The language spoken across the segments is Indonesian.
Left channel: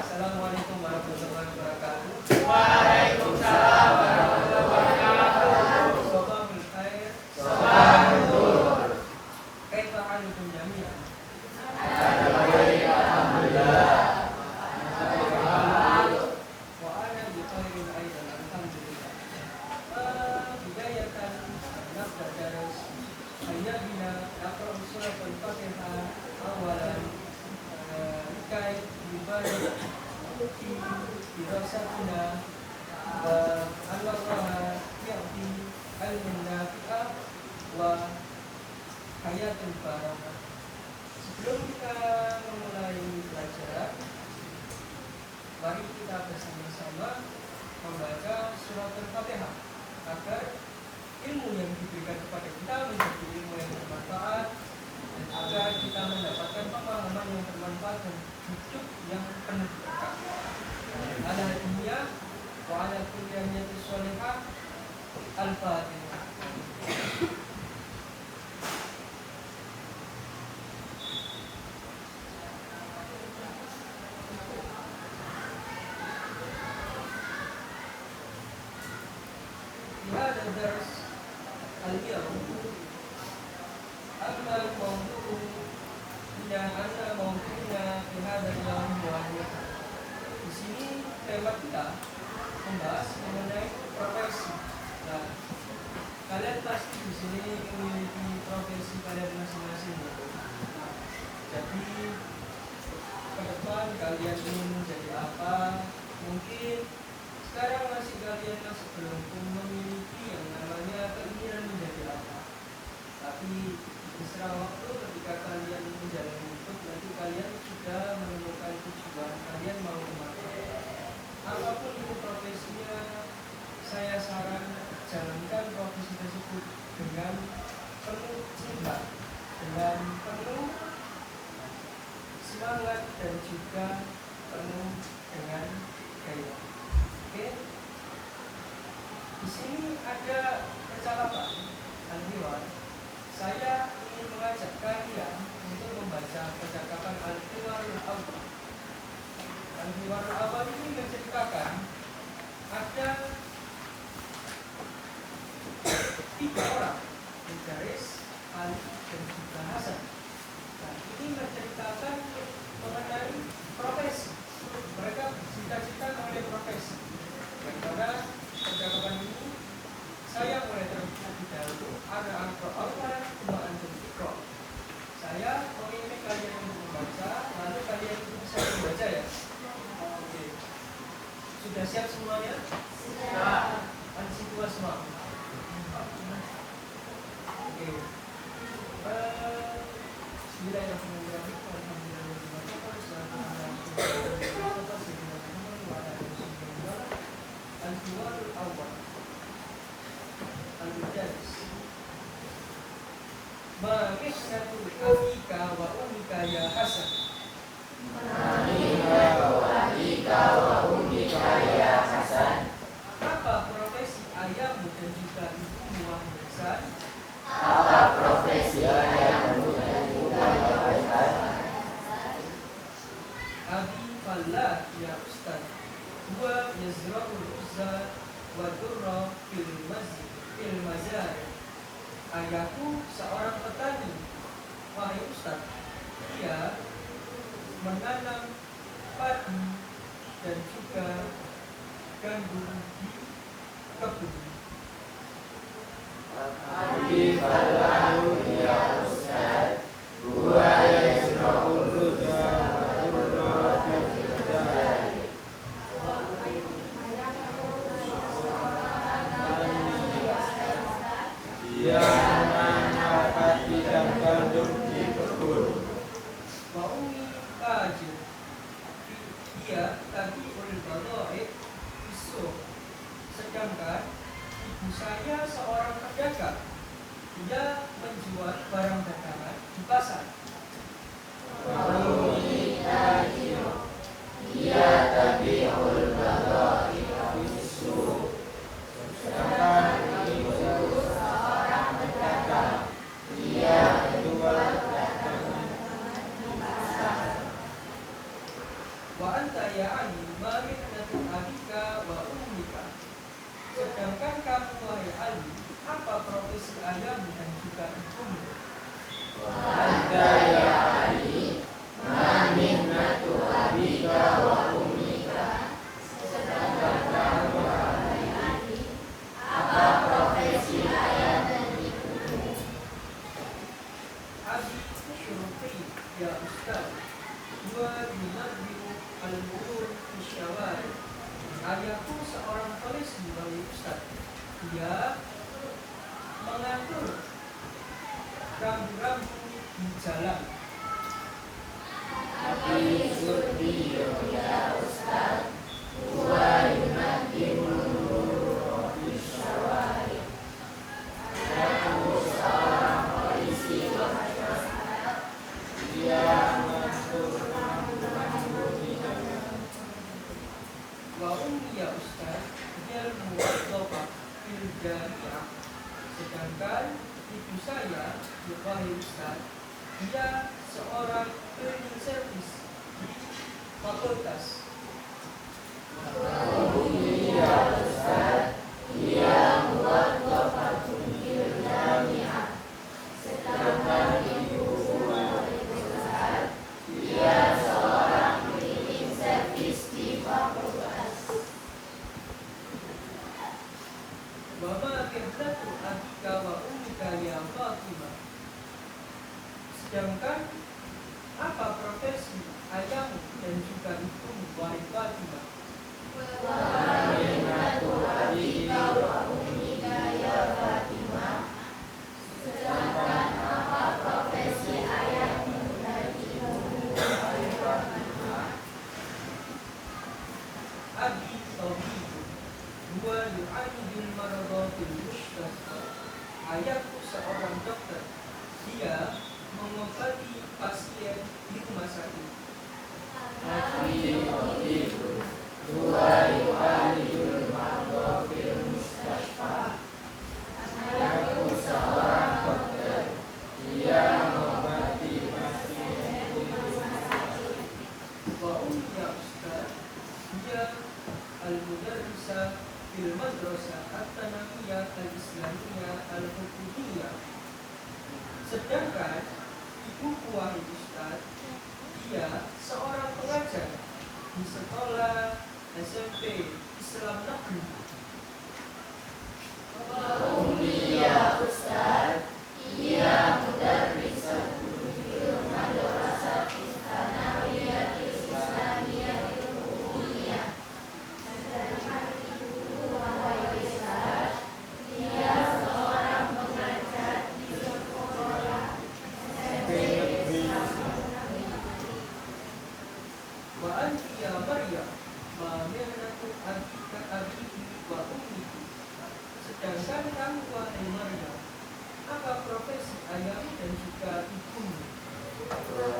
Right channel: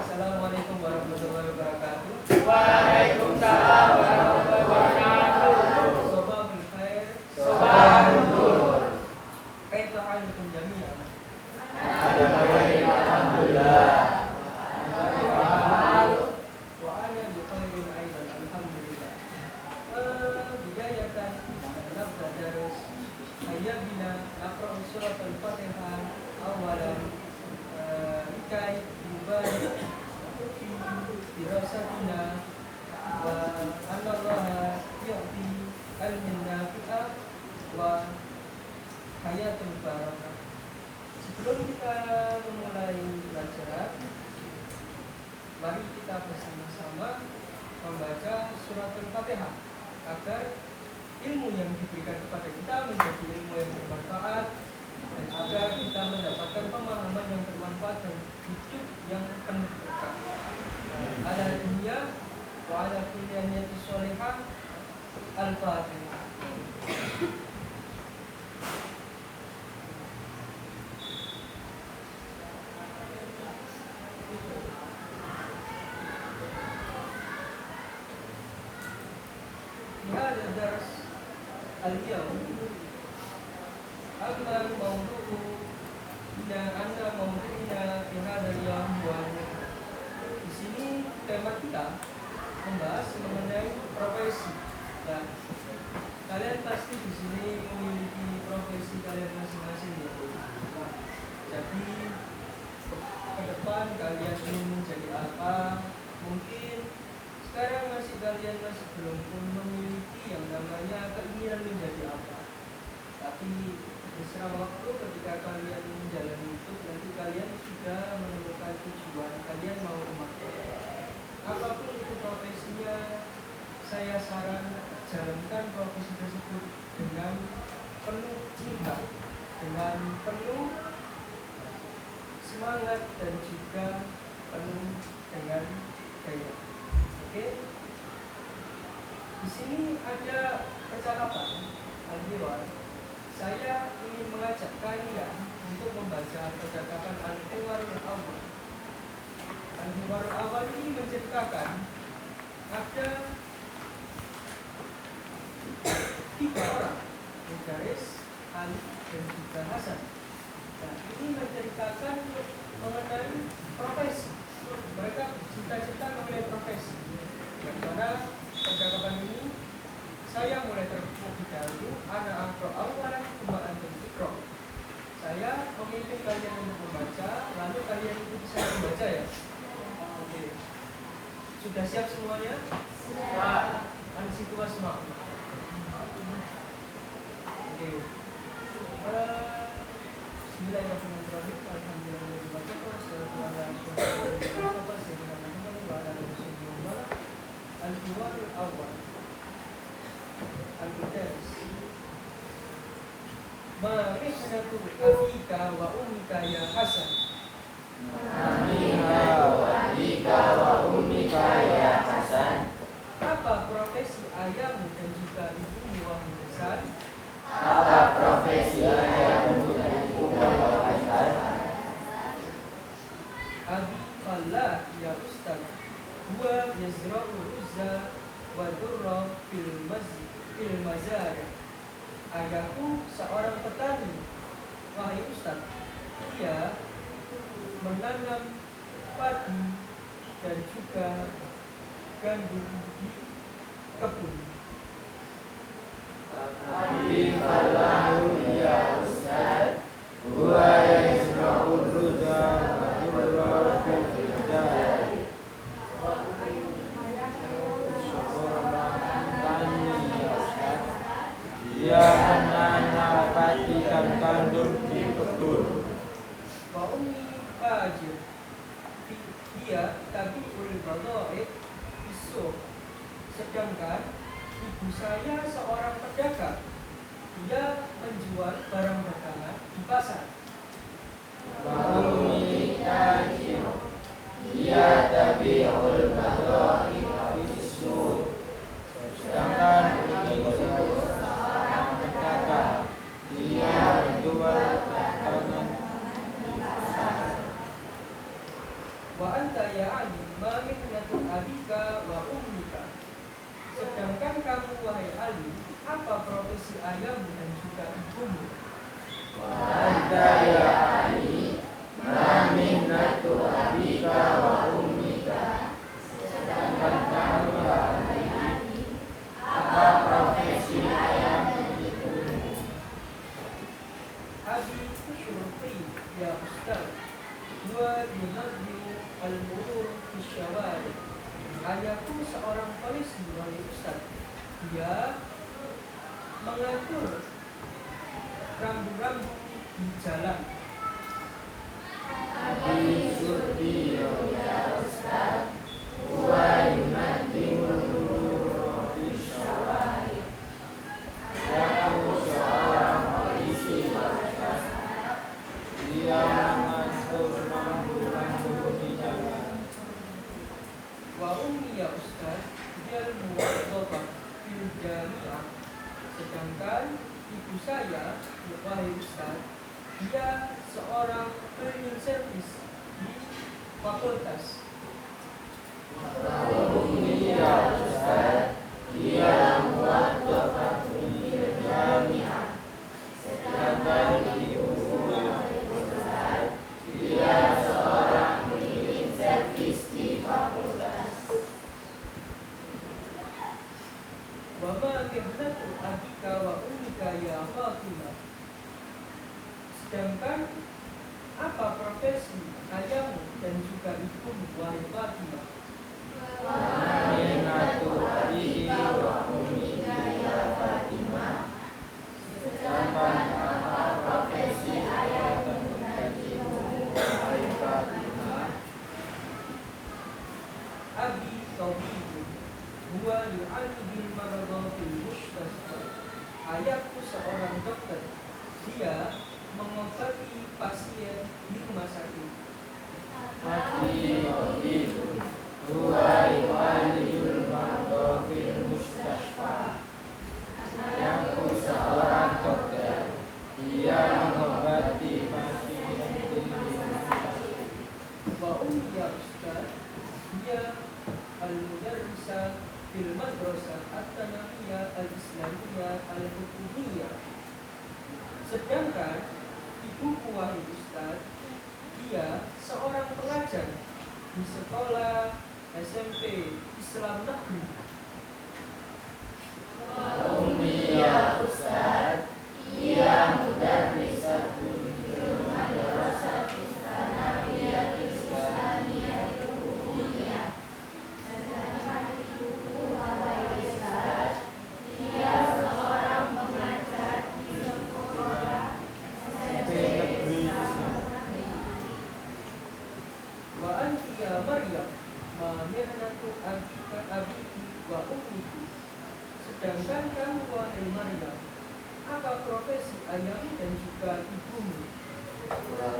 Assalamualaikum warahmatullahi wabarakatuh. Waalaikumsalam warahmatullahi wabarakatuh. Sobahul khair. Sobahul. Kaifa halukum jami'an? Alhamdulillah. Wa ana bi khairin aidan alhamdulillah. Bidayatan nabda darus ayyabina naqra surat al-Fatihah awalan likai yubarik fi dirasatina wa Allah ya'ti ilmin nafi'ah wa hayatul barakah. Sebelum kita memulai pelajaran, mari kita bersama-sama membaca surat al-Fatihah agar ilmu yang diberikan kepada kita menjadi ilmu yang bermanfaat dan agar kita mendapatkan pemahaman yang bermanfaat dan hidup yang penuh berkah. Ala dunia wa ala kulli niyyati sholihah. Al-Fatihah. هذا الدرس اليوم أما الموضوع إلى أن موضوعنا في هذا اليوم هو di sini tema kita membahas mengenai profesi. Nah, kalian pasti di sini memiliki profesi kalian masing-masing. Jadi ke depan kalian ingin menjadi apa? Mungkin sekarang kalian masih belum memiliki yang namanya keinginan menjadi apa. Tapi beserta waktu ketika kalian menjalani hidup, nanti kalian sudah menemukan tujuan kalian mau kemana. Apapun itu profesinya, saya saran jalankan profesi tersebut dengan penuh cinta, dengan penuh semangat dan juga penuh dengan gairah. Oke? Di sini ada percakapan al-hiwar. Saya ingin mengajak kalian untuk membaca percakapan al-hiwar al-awwal. Al-hiwar al-awwal ini menceritakan ada 3 orang, Garis, Ali, dan juga Hasan. Nah, ini menceritakan mengenai profesi. Mereka cita-cita mengenai profesi. Karena percakapan ini saya mulai terlebih dahulu. Ana aqra awwalan tsumma antum iqra. Saya menginginkan kalian untuk membaca, lalu kalian itu bisa membaca ya. Oke. Sudah siap semuanya? Siap. Ansitu wasma. Oke. Bismillahirrahmanirrahim. Al-hiwar al-awwal. Al-mudaris. Ma mihnatu abika wa ummika ya Hasan. Apa profesi ayahmu dan juga ibumu wahai Hasan? Abi fallah ya ustaz. Huwa yazra'ul uzza wa durra fil mazari. Ayahku seorang petani wahai ustaz. Dia menanam padi dan juga gandum di kebun. Abi fallahu ya ustaz. Huwa yazra'ul uzza wa durra fil mazari. Dia menanam padi dan gandum di kebun. Wa ummi tajir. Dia Wa anta ya Ali ma mihnatu abika wa ummika. Sedangkan kamu wahai Ali, apa profesi ayahmu dan juga ibumu? Wa anta ya Ali ma mihnatu abika wa ummika. Sedangkan kamu wahai Ali, apa profesi ayah dan ibumu? Abi syurti ya ustaz. Wa yunabbiu al-umur fi syawari. Ayahku seorang polisi wahai ustaz. Dia mengatur rambu-rambu di jalan. Abi syurti ya ustaz. Wa yunabbiu al-umur fi syawari. Ayahku seorang polisi wahai ustaz. Dia mengatur rambu-rambu di jalan. Wa ummi ya ustaz, dia muwazzafah fil jami'ah. Sedangkan ibu saya, wahai ustaz, dia seorang cleaning service di fakultas. Ya ustaz, dia muwazzafah fil jami'ah. Sedangkan ibuku ustaz, dia seorang cleaning service di fakultas. Wa ma mihnatu abika wa ummika ya Fatimah. Sedangkan apa profesi ayahmu dan juga ibumu wahai Fatimah? Mihnatu abika wa ummika ya Fatimah. Sedangkan apa profesi ayahmu dan ibumu wahai Fatimah? Abi tabibu huwa yu'alju bil maradha fil mustasfa. Ayahku seorang dokter. Dia mengobati pasien di rumah sakit. Abi tabibu huwa yu'alijul marda fil mustasfa. Ayahku seorang dokter. Dia mengobati pasien di rumah sakit. Wa ummi ya ustaz, dia al-mudarrisah fil madrasah at-tanamiyah al-islamiyah al-hukumiyah. Sedangkan ibuku wahai ustaz, dia seorang pengajar di sekolah SMP Islam Negeri. Ummi ya ustaz, dia mudarrisah fil madrasah at-tanamiyah al-islamiyah al-hukumiyah. Sedangkan ibuku wahai ustaz, dia seorang pengajar di sekolah SMP Islam Negeri. Wa anti ya Maryam ma mihnatu abiki wa ummiki. Sedangkan kamu wahai Maryam, apa profesi ayahmu dan juga ibumu?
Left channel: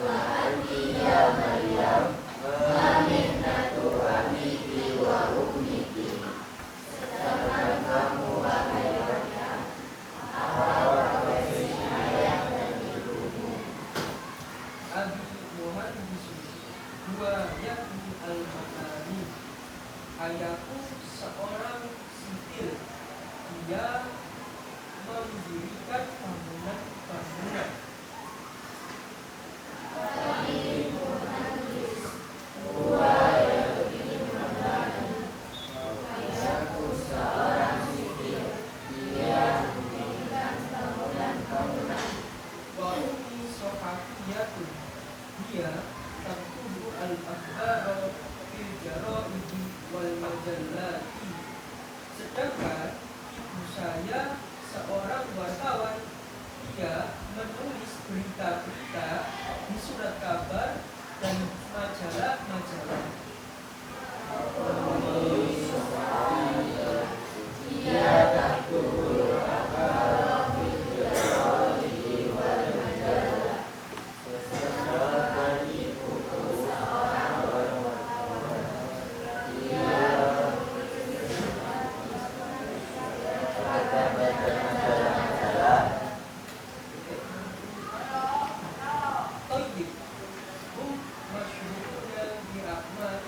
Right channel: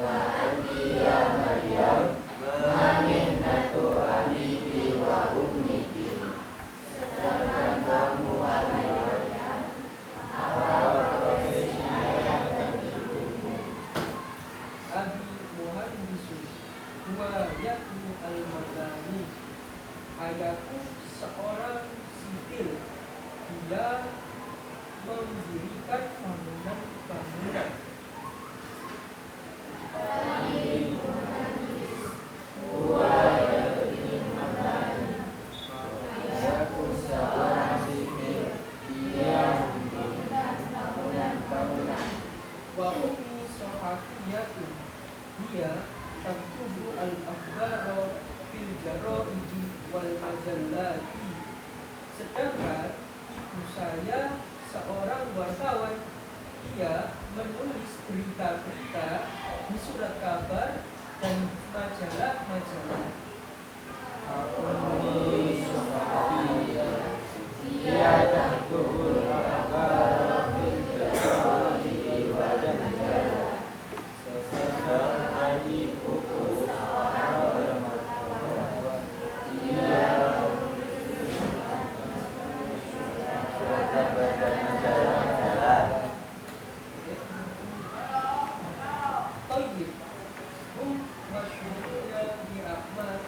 Wa anti ya Maryam ma mihnatu abiki wa ummiki. Sedangkan kamu wahai Maryam, apa profesi ayah dan ibumu? Abi muhandisun huwa yakmu al-makani. Ayahku seorang sipil. Dia mendirikan bangunan-bangunan. Huwa yakmu mabani. Ayahku seorang sipil. Dia mendirikan bangunan-bangunan. Wa ummi sohafiyatun. Dia taktubu al-akhbara fil jaraidi wal majallati. Sedangkan ibu saya seorang wartawan. Dia menulis berita-berita di surat kabar dan majalah-majalah. Ummi Sohafiyah. Dia taktubu al-akhbara fil jaraidi wal majallah. Sesekali ibuku seorang wartawan. Dia Tayyib hum masyhuruna bi a'mal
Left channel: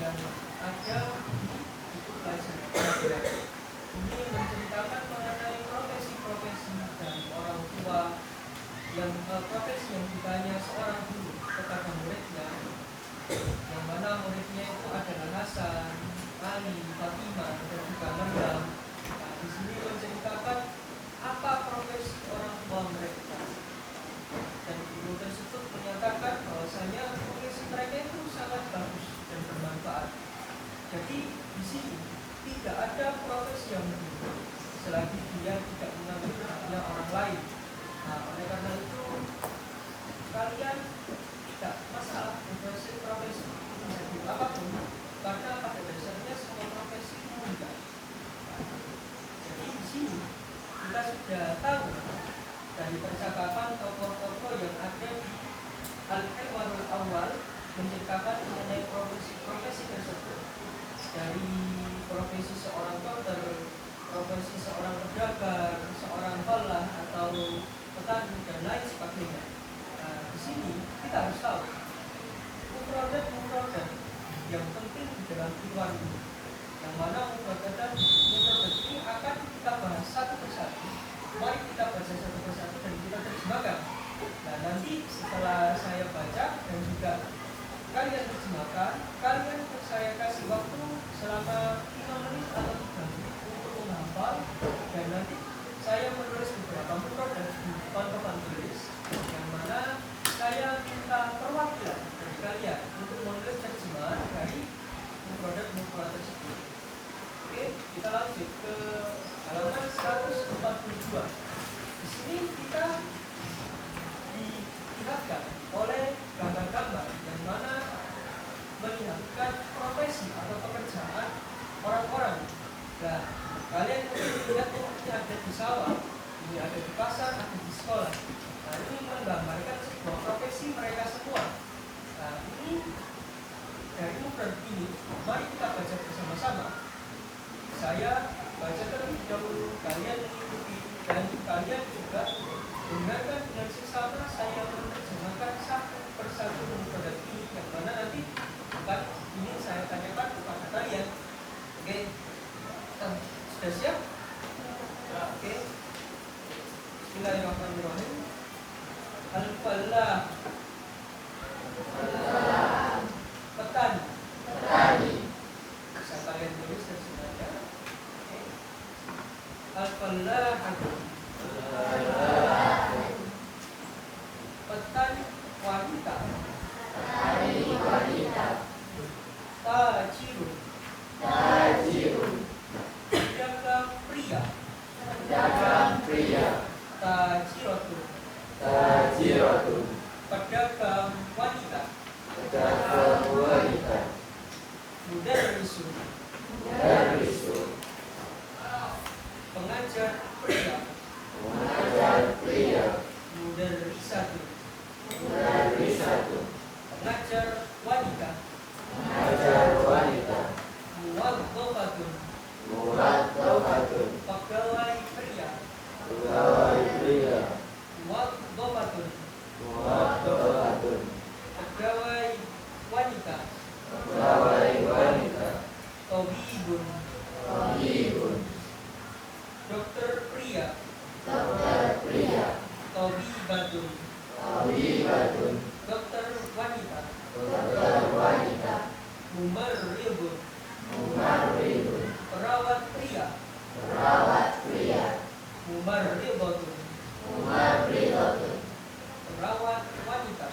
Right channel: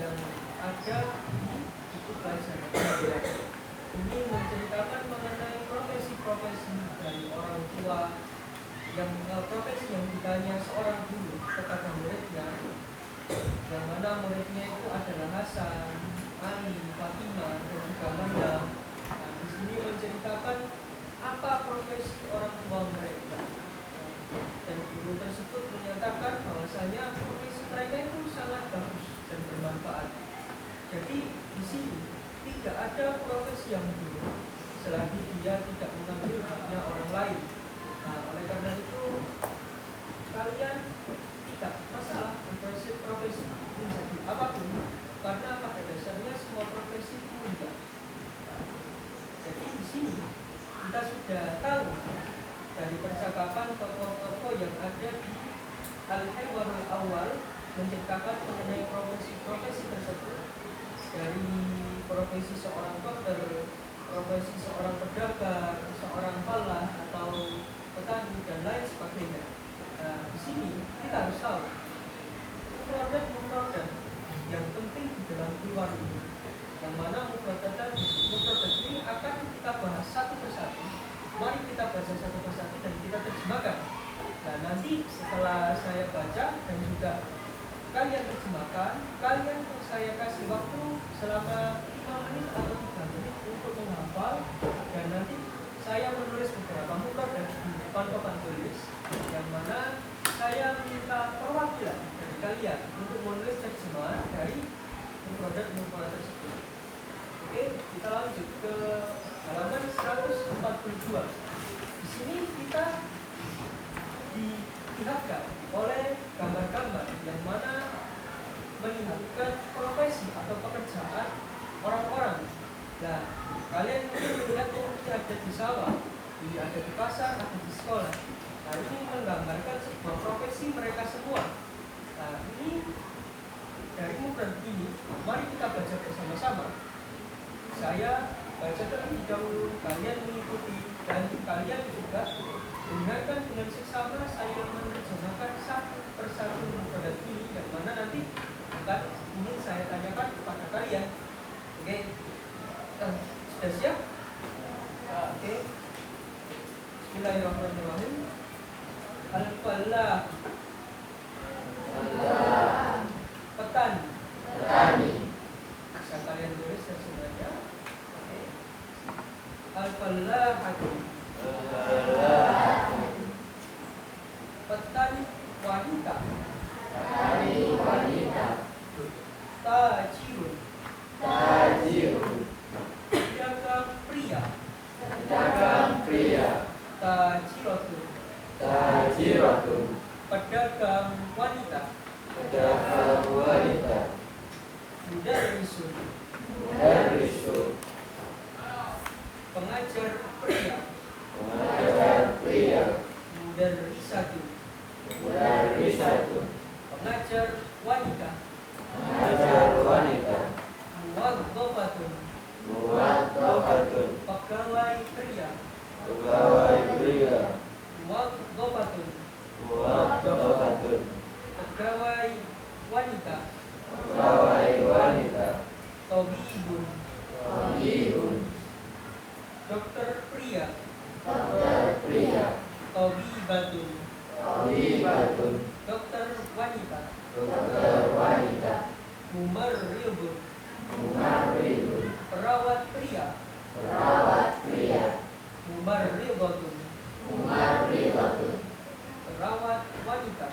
yang ada di buku pelajaran. Ini menceritakan mengenai profesi-profesi dari orang tua yang profesi yang ditanya seorang guru kepada muridnya, yang mana muridnya itu adalah Hasan, Ali, Fatimah, dan juga Maryam. Nah, di sini menceritakan apa profesi orang tua mereka, dan guru tersebut menyatakan bahwasanya profesi mereka itu sangat bagus dan bermanfaat. Jadi di sini tidak ada profesi yang buruk selagi dia tidak mengambil haknya orang lain. Nah, oleh karena itu kalian tidak masalah profesi menjadi apapun, karena pada dasarnya semua profesi itu mulia. Jadi di sini kita sudah tahu dari percakapan tokoh-tokoh yang ada di Al-Hiwarul Awal menceritakan mengenai profesi-profesi tersebut, dari profesi seorang dokter, profesi seorang pedagang, seorang holah atau petani dan lain sebagainya. Nah, di sini kita harus tahu mufradat yang penting di dalam keluar ini, yang mana mufradat ini akan kita bahas satu persatu. Mari kita baca satu persatu dan kita terjemahkan. Nah, nanti setelah saya baca dan juga kalian terjemahkan, kalian saya kasih waktu selama 5 menit atau 3 menit untuk menghafal, dan nanti saya menulis beberapa mufradat di depan papan tulis, yang mana saya minta perwakilan dari kalian untuk menulis terjemahan dari mufradat tersebut. Oke, kita lanjut ke halaman 142. Di sini kita dilihatkan oleh gambar-gambar yang mana melihatkan profesi atau pekerjaan orang-orang. Nah, kalian mungkin melihat ini ada di sawah, ini ada di pasar, ada di sekolah. Nah, ini menggambarkan sebuah profesi mereka semua. Nah, ini dari mufrad ini, mari kita baca bersama-sama. Saya baca terlebih dahulu, kalian mengikuti, dan kalian juga dengarkan dengan seksama saya menerjemahkan satu persatu mufradat ini, yang mana nanti akan ingin saya tanyakan kepada kalian. Oke, sudah siap? Oke. Bismillahirrahmanirrahim. Al-falah, petani. Bisa kalian tulis terjemahnya. Oke. Al-falahatu, petani wanita. Tajirun, pedagang pria. Tajiratun, pedagang wanita. Mudarrisun, pengajar pria. Mudarrisatun, pengajar wanita. Muwadzafatun, pegawai pria. Muwadzafatun, pegawai wanita. Tabibun, dokter pria. Tabibatun, dokter wanita. Mumarridun, perawat pria. Mumarridatun, perawat wanita.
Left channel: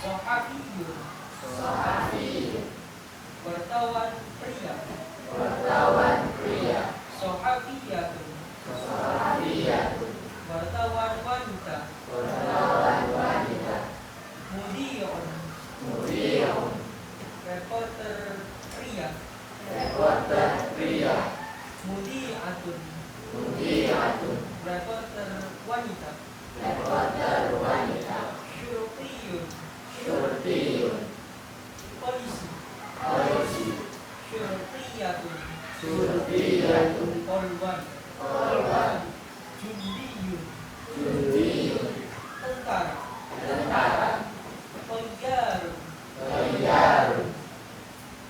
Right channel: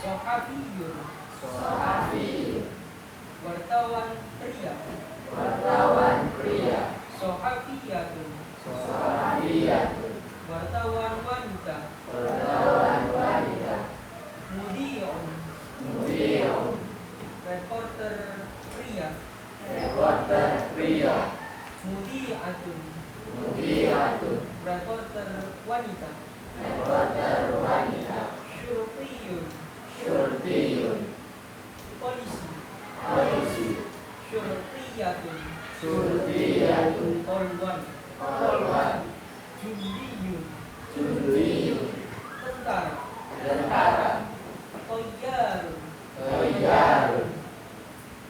Sohafiyun, wartawan pria. Sohafiyatun, wartawan wanita. Mudi'un, reporter pria. Mudi'atun, reporter wanita. Syurtiyun, polisi. Syurtiyatun, polwan. Jundiyun, tentara. Toyyarun,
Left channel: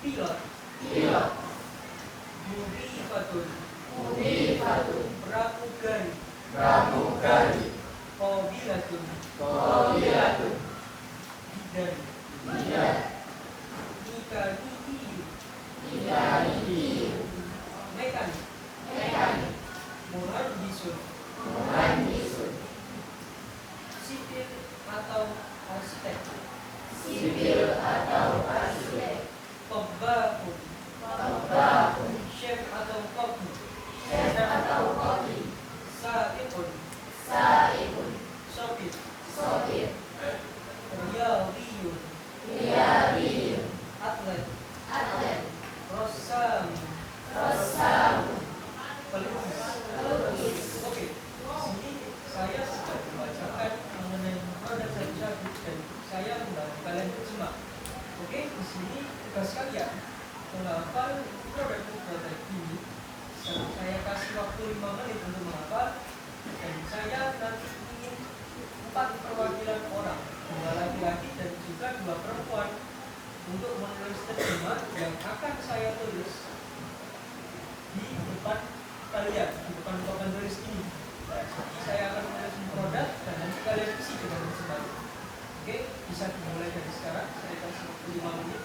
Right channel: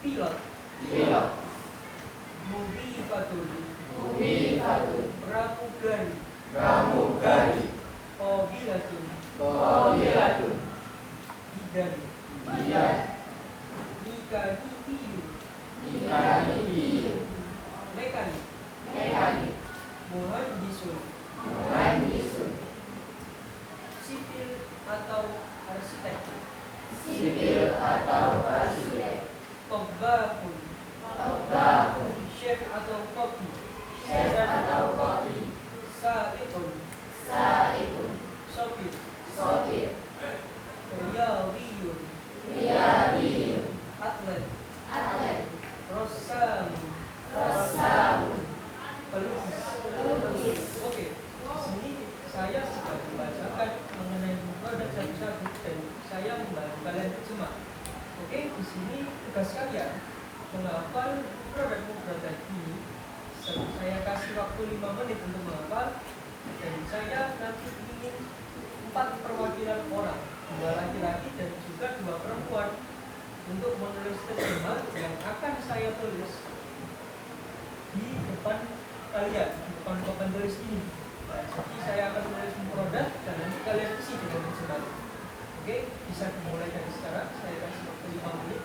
Pilot. Pilot. Mudhifatun. Mudhifatun. Pramugari. Pramugari. Qabilatun. Qabilatun. Bidan. Bidan. Mekaniki. Mekaniki. Mekanik. Mekanik. Muhandisun. Muhandisun. Sipil atau arsitek. Sipil atau arsitek. Tobbahun. Tobbahun. Chef atau koki. Chef atau koki. Sa'iqun. Sa'iqun. Sopir. Sopir. Riyadiyun. Riyadiyun. Atlet. Atlet. Rossam. Rossam. Pelukis. Pelukis. Oke, di sini saya sudah membacakan mengenai produk satu-satu dan saya membantu kalian terjemah. Oke, di sini tugas kalian menghafal produk produk ini. Saya kasih waktu 5 menit untuk menghafal dan saya nanti ingin 4 perwakilan orang, 2 laki-laki dan juga 2 perempuan untuk menulis terjemah yang akan saya tulis di depan kalian, di depan papan tulis ini. Nah, jadi saya akan menulis produk dan nanti kalian isi dengan terjemah. Oke, bisa dimulai dari sekarang. Saya kasih waktu 5 menit.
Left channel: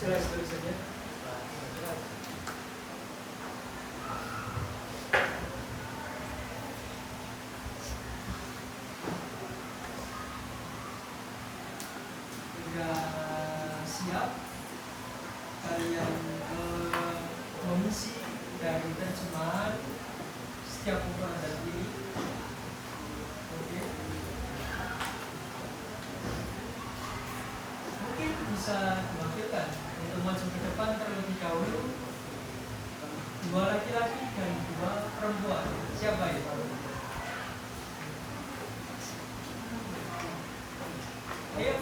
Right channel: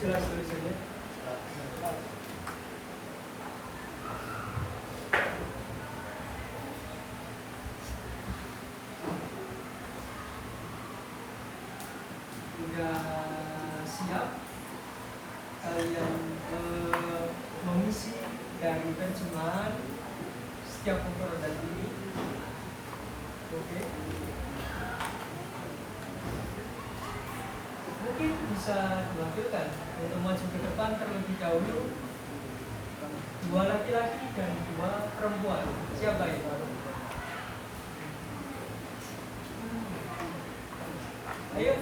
Jelas tulisannya. Sudah siap kalian mengisi dari terjemahan setiap produk ini? Oke. Mungkin bisa diwakilkan untuk maju ke depan terlebih dahulu, 2 laki-laki dan 2 perempuan. Siapa itu? Ayo,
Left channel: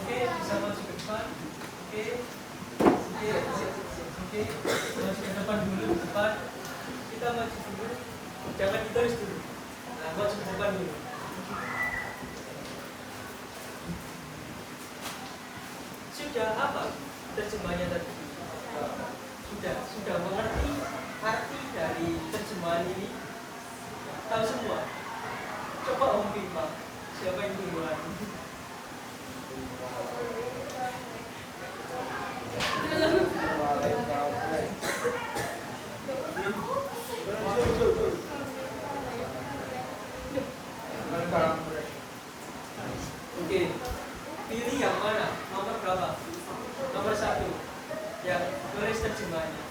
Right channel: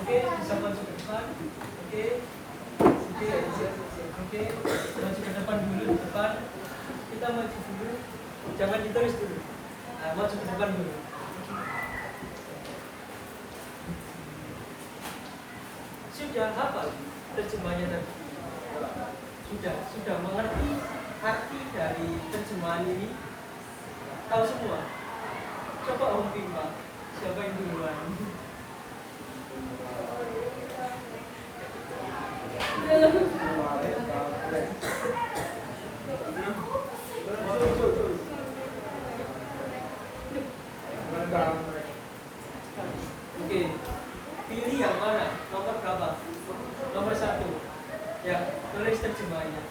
oke, bisa maju ke depan. Oke, maju ke depan. teman dulu di depan. Kita maju dulu, jangan ditulis dulu. Nah, maju ke depan dulu. Sudah hafal terjemahnya tadi? Sudah mengerti arti dari terjemahan ini? Tahu semua? Coba Om Bima, siapa yang duluan? Oke, pilih yang mana? Nomor berapa? Nomor 1. Ya, tulis terjemahannya.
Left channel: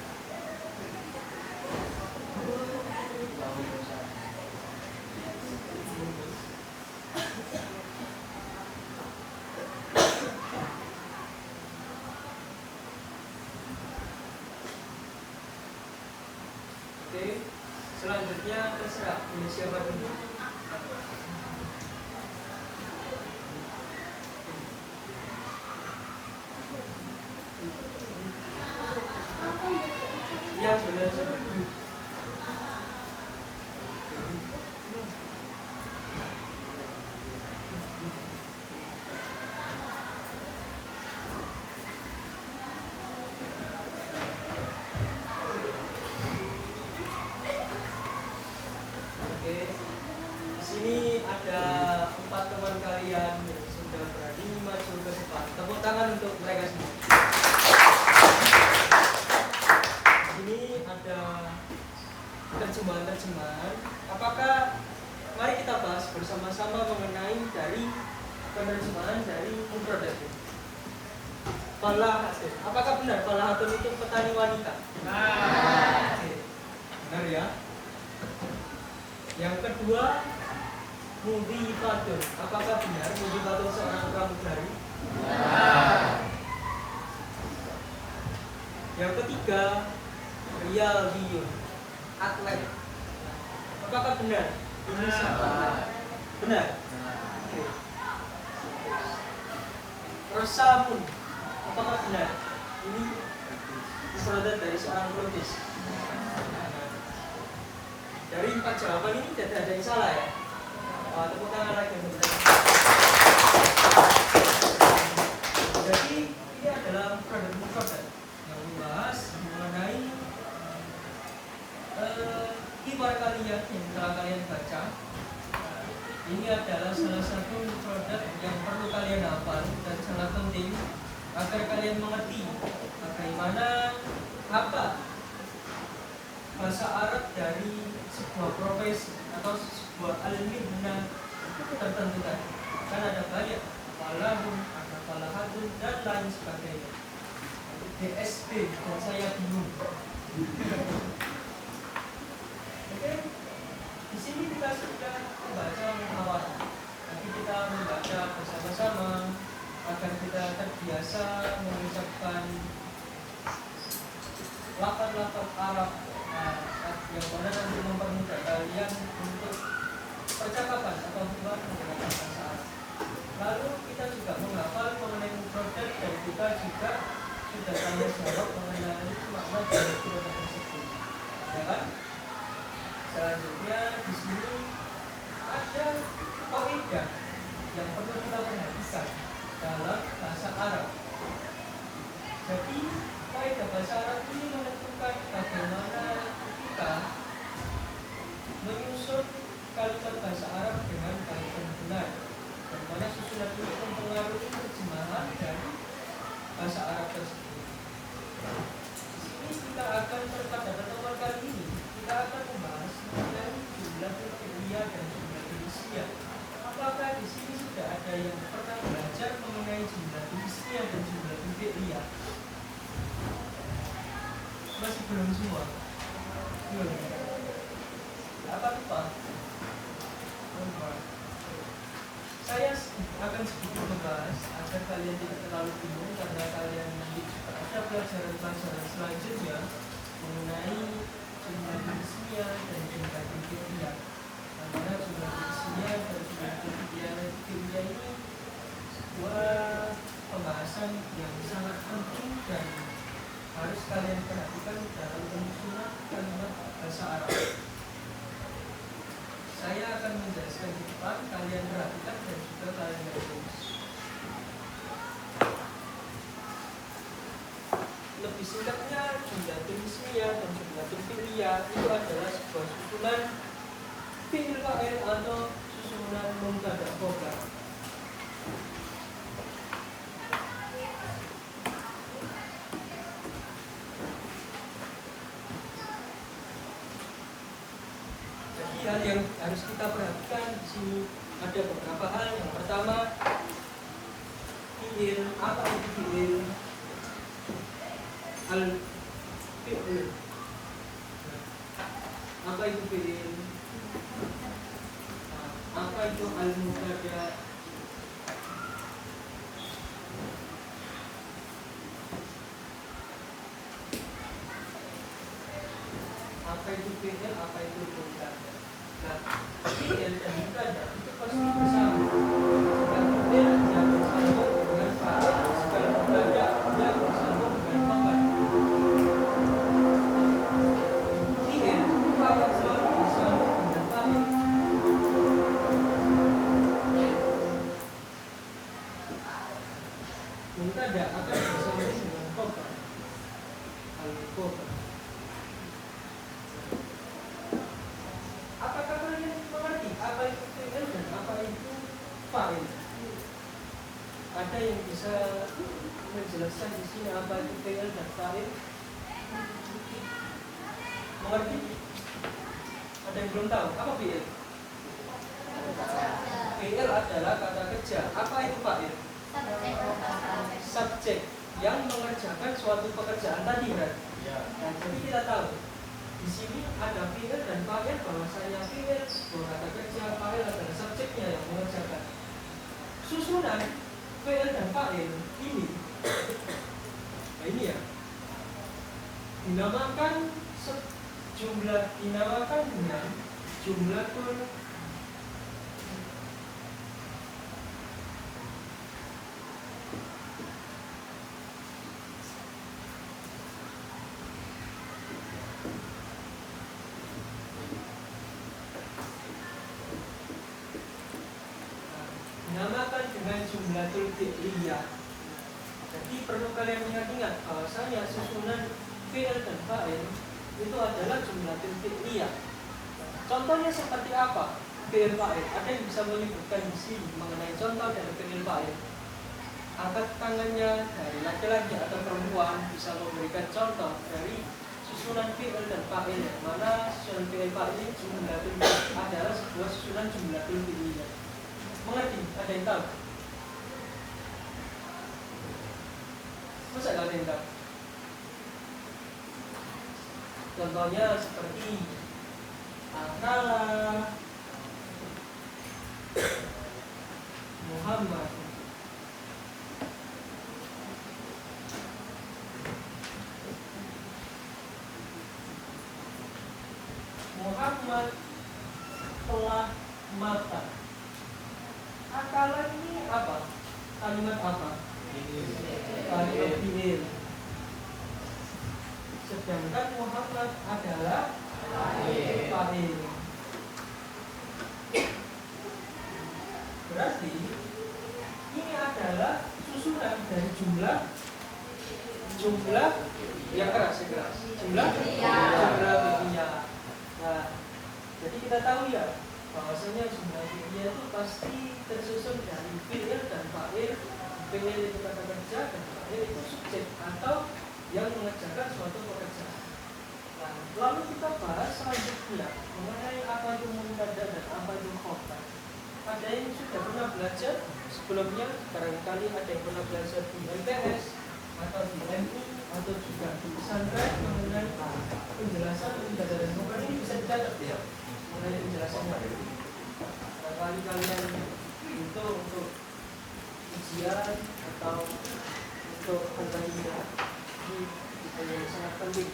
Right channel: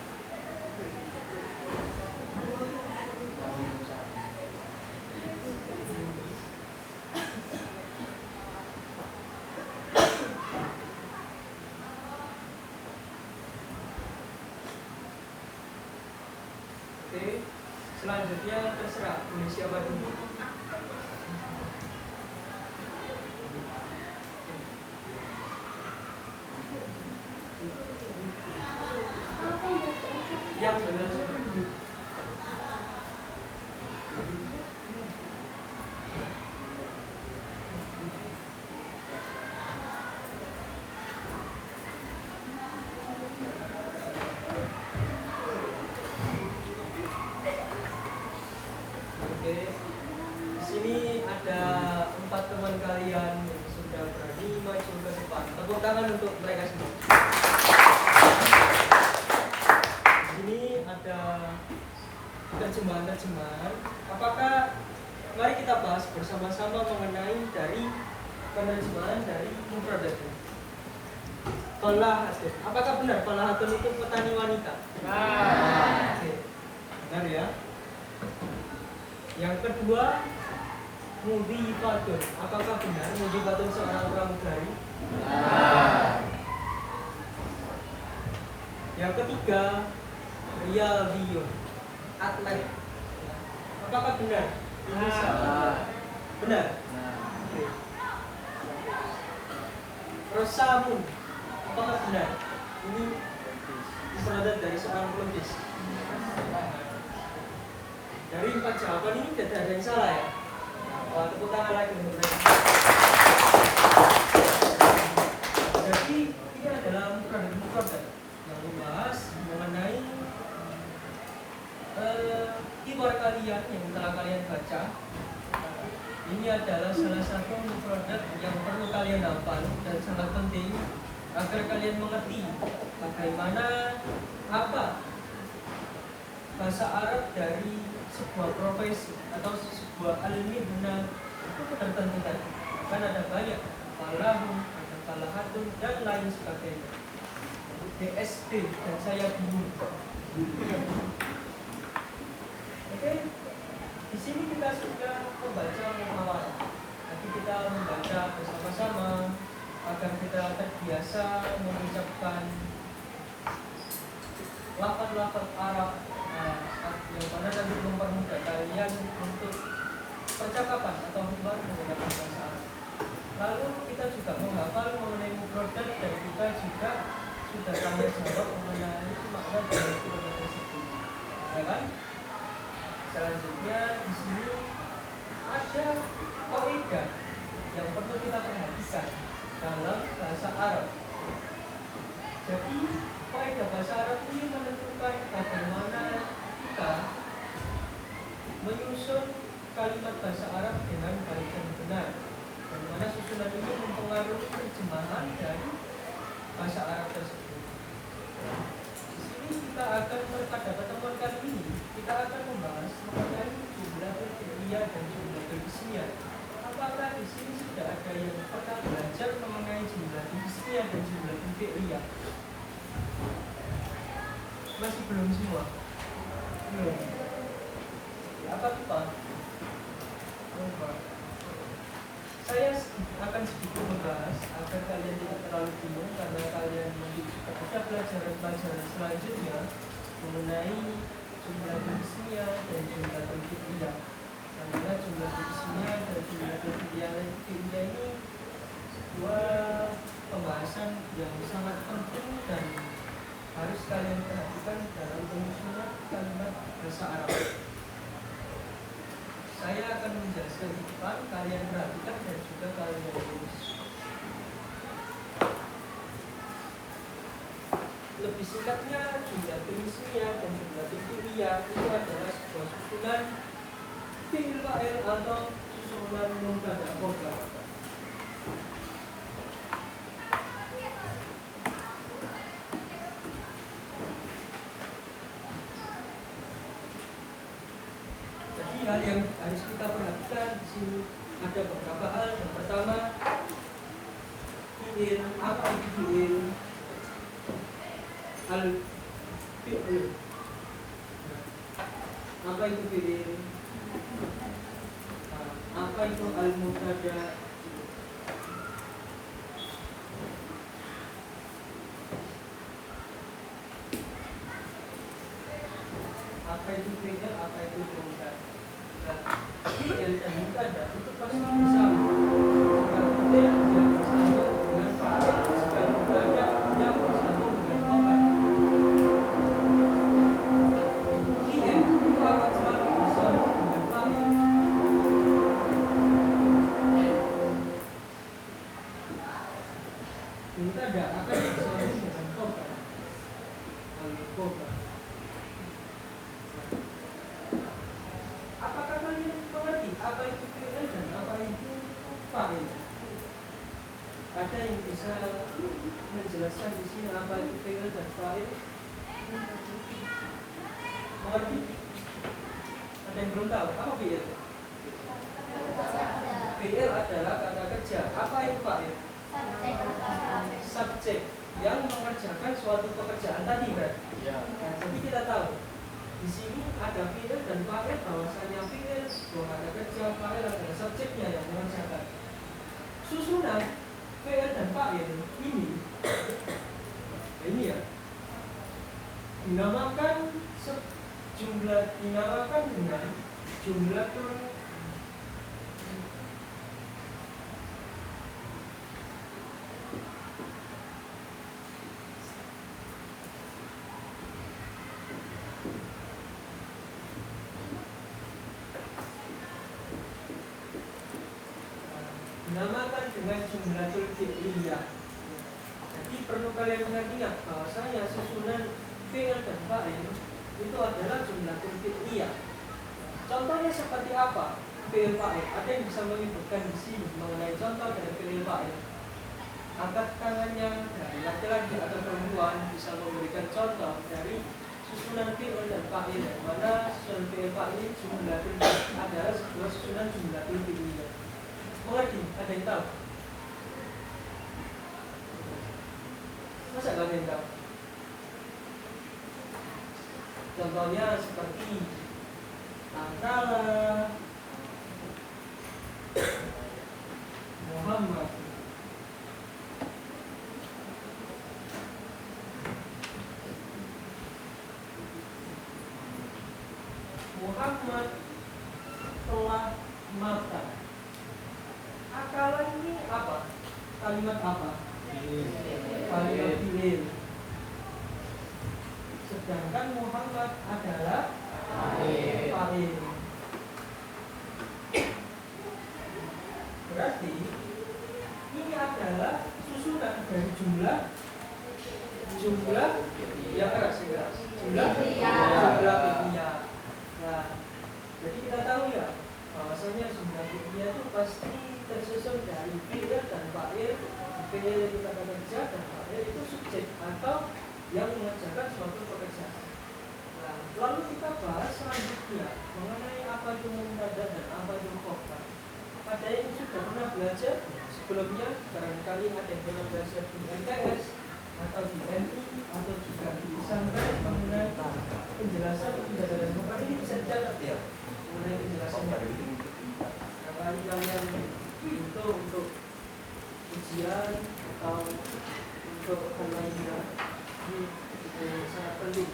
Oke, selanjutnya terserah pilih siapa dulu. Yang benar seperti itu. Oke, di sini ada 4 teman kalian yang sudah berani maju ke depan. Tepuk tangan untuk mereka sendiri. Di sini ada terjemahan. Apakah mari kita bahas bersama-sama mengenai dari penerjemahan dari mufradat ini. Falahatun. Apakah benar falahatun itu petani wanita? Oke. Benar ya. Yang kedua, mudhifatun. Apakah benar mudhifatun seorang pramugari? Yang ketiga, riyadiyun, atlet. Apakah benar? Ini salah. Benar. Oke. Rosamun. Apakah benar? Ini mufradat dari seorang pelukis. Dari 4 jawaban ini tidak ada yang salah ya. Tepuk tangan lagi untuk mereka. Jadi ini adalah mufradat yang membahas mengenai kiwar kalian yang telah kalian baca. Ini adalah salah satu mufradat yang perlu kalian hafal dan sangat penting agar kalian mengerti bagaimana apa bahasa Arab dari sebuah profesi atau sebuah al-mihnah tertentu tadi. Kan ada banyak, falahun, ada falahatun dan lain sebagainya. DSP dan saya bingung. Oke, di sini kita sudah membaca muhawarah. Nanti kita membaca bersama-sama agar kita terbiasa mengucapkan lafaz-lafaz Arab yang mana nanti mempermudah kalian untuk percakapan atau hubungan menggunakan bahasa Arab. Lalu kita juga menghafal mengenai mufradat dan kita juga sudah tanya jawab mengenai makna dari mufradat tersebut, ya kan? Selanjutnya di sini ada kaidah yang perlu kita perhatikan dalam bahasa Arab. Jadi kaidah bahasa Arab ini menentukan bagaimana kita menyusun kalimat bahasa Arab dengan baik dan benar, dan mana susunan ini mempengaruhi terjemahan dari bahasa Arab tersebut. Di sini kita akan pada pertemuan kali ini kita akan membahas mengenai jumlah fi'liyah dan jumlah ismiyah. Apakah di sini sudah ada yang pernah belajar mengenai jumlah ismiyah dan jumlah fi'liyah? Masih belum semua? Belum. Apa lupa? Saya akan sedikit membahas agar kalian tidak terlalu bingung, karena kalian nanti ada pelajaran-pelajaran selanjutnya mengenai jumlah ismiyah dan jumlah fi'liyah. Karena jumlah ismiyah dan jumlah fi'liyah ini sebuah pembahasan yang sangat penting dan harus kalian perhatikan dalam penyusunan kalian perhatikan dan juga kalian tulis. Lebih singkatnya, jumlatul ismiyah dan jumlatul fi'liyah itu adalah sebuah susunan fi'il fa'il atau susunan mubtada khobar. Jadi hal yang harus kita perhatikan di sini ada beberapa hal. Yang pertama, fi'il. Apa itu fi'il? Al-fi'il. Apa itu fi'il? Apa itu al-mubtada? Apa itu fi'il? Apa itu mubtada? Nah, fi'il dan mubtada itu pasti bersama. Jika fi'il dia bersambung dengan fa'il, jika mubtada dia bersambung dengan khabar. Fi'il itu akan selalu bersambung dengan fa'il. Mubtada akan bersambung dengan khabar. Al-khabar. Apakah kalian mengerti apa itu fi'il dan apa itu fa'il? Ada yang bisa menjelaskan di sini apa itu fi'il dan fa'il? Mengerti? Ada yang belum tahu apa fi'il? Fi'il adalah kata kerja. Apa itu fa'il? Subjek yang mengerjakan suatu pekerjaan tadi kan? Nah, jadi kita tahu di sini ada fi'il dan fa'il, bahwasanya fi'il sebuah kata kerja, fa'il adalah subjeknya yang mengerjakan. Susunan fi'il dan fa'il ini, nah ini ya, dinamakan dengan jumlatul jumlatul fi'liyah. Jadi perlu kalian ingat bahwasanya susunan fi'il dan fa'il itu adalah jumlatul fi'liyah. Contohnya seperti apa fi'il fa'il? Ada yang bisa menyebutkan di sini mengenai contoh dari fi'il fa'il? Angkat tangannya dari laki-laki atau perempuan bisa memberikan contoh dari susunan fi'il dan fa'il, yang mana susunan fi'il fa'il jumlatul adalah sebuah susunan jumlatul fi'liyah. Mengerti? Ada yang tahu? Masa kalian tahu? Contohnya seperti Akala, Muhammad, Muhammad telah makan. Akala ini apa? Kalimat apa? Kalimat fi'il. Sedangkan Muhammad adalah fa'il. Berarti ini adalah susunan dari jumlah yang keras, jumlah fi'liyah. Nah, jadi kita tahu ya bahwasanya jumlah fi'liyah itu pasti tersusun dari fi'il dan fa'il. Fi'il itu kata kerja dan fa'il itu subjek atau yang mengerjakan suatu pekerjaan. Nah, lalu kita bahas selanjutnya mengenai apa itu mubtada dan apa itu khobar. Ada yang sudah pernah belajar sebelumnya, barangkali ada yang pernah belajar di MTS atau di MI atau juga di pesantren mengenai penjelasan mubtada dan khobar. Ini bisa dicatat ya mengenai penjelasannya. Barangkali kalian itu untuk ujian atau untuk hal lainnya. Ini sangat penting.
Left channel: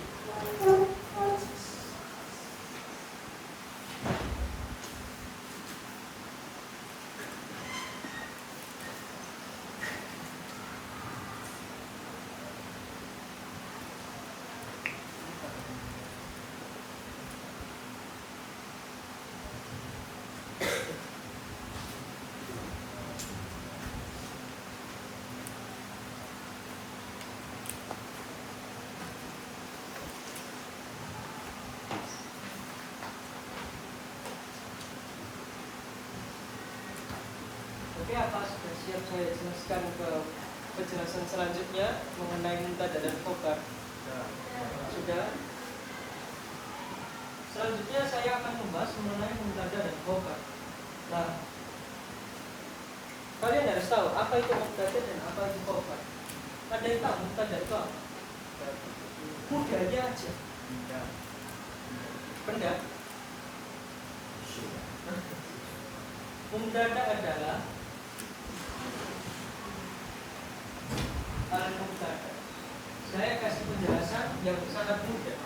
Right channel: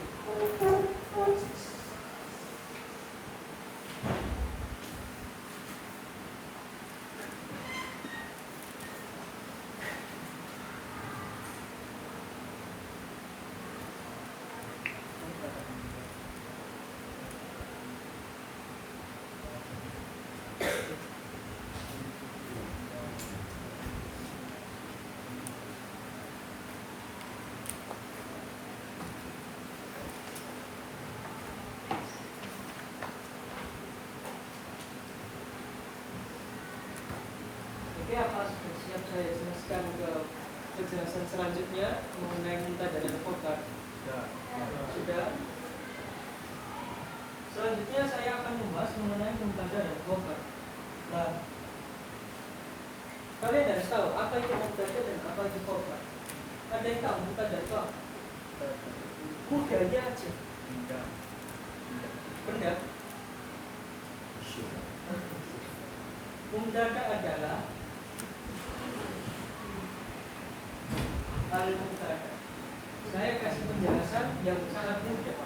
apa sudah siap saya jelaskan ke penjelasan selanjutnya mengenai muntadah dan khobar? Sudah. Selanjutnya saya akan membahas mengenai muntadah dan khobar. Nah, kalian harus tahu apa itu muntadah dan apa itu khobar. Ada yang tahu muntadah itu apa? Mudahnya aja. Benda. Muntadah adalah al-muntadah. Saya kasih penjelasan yang sangat mudah.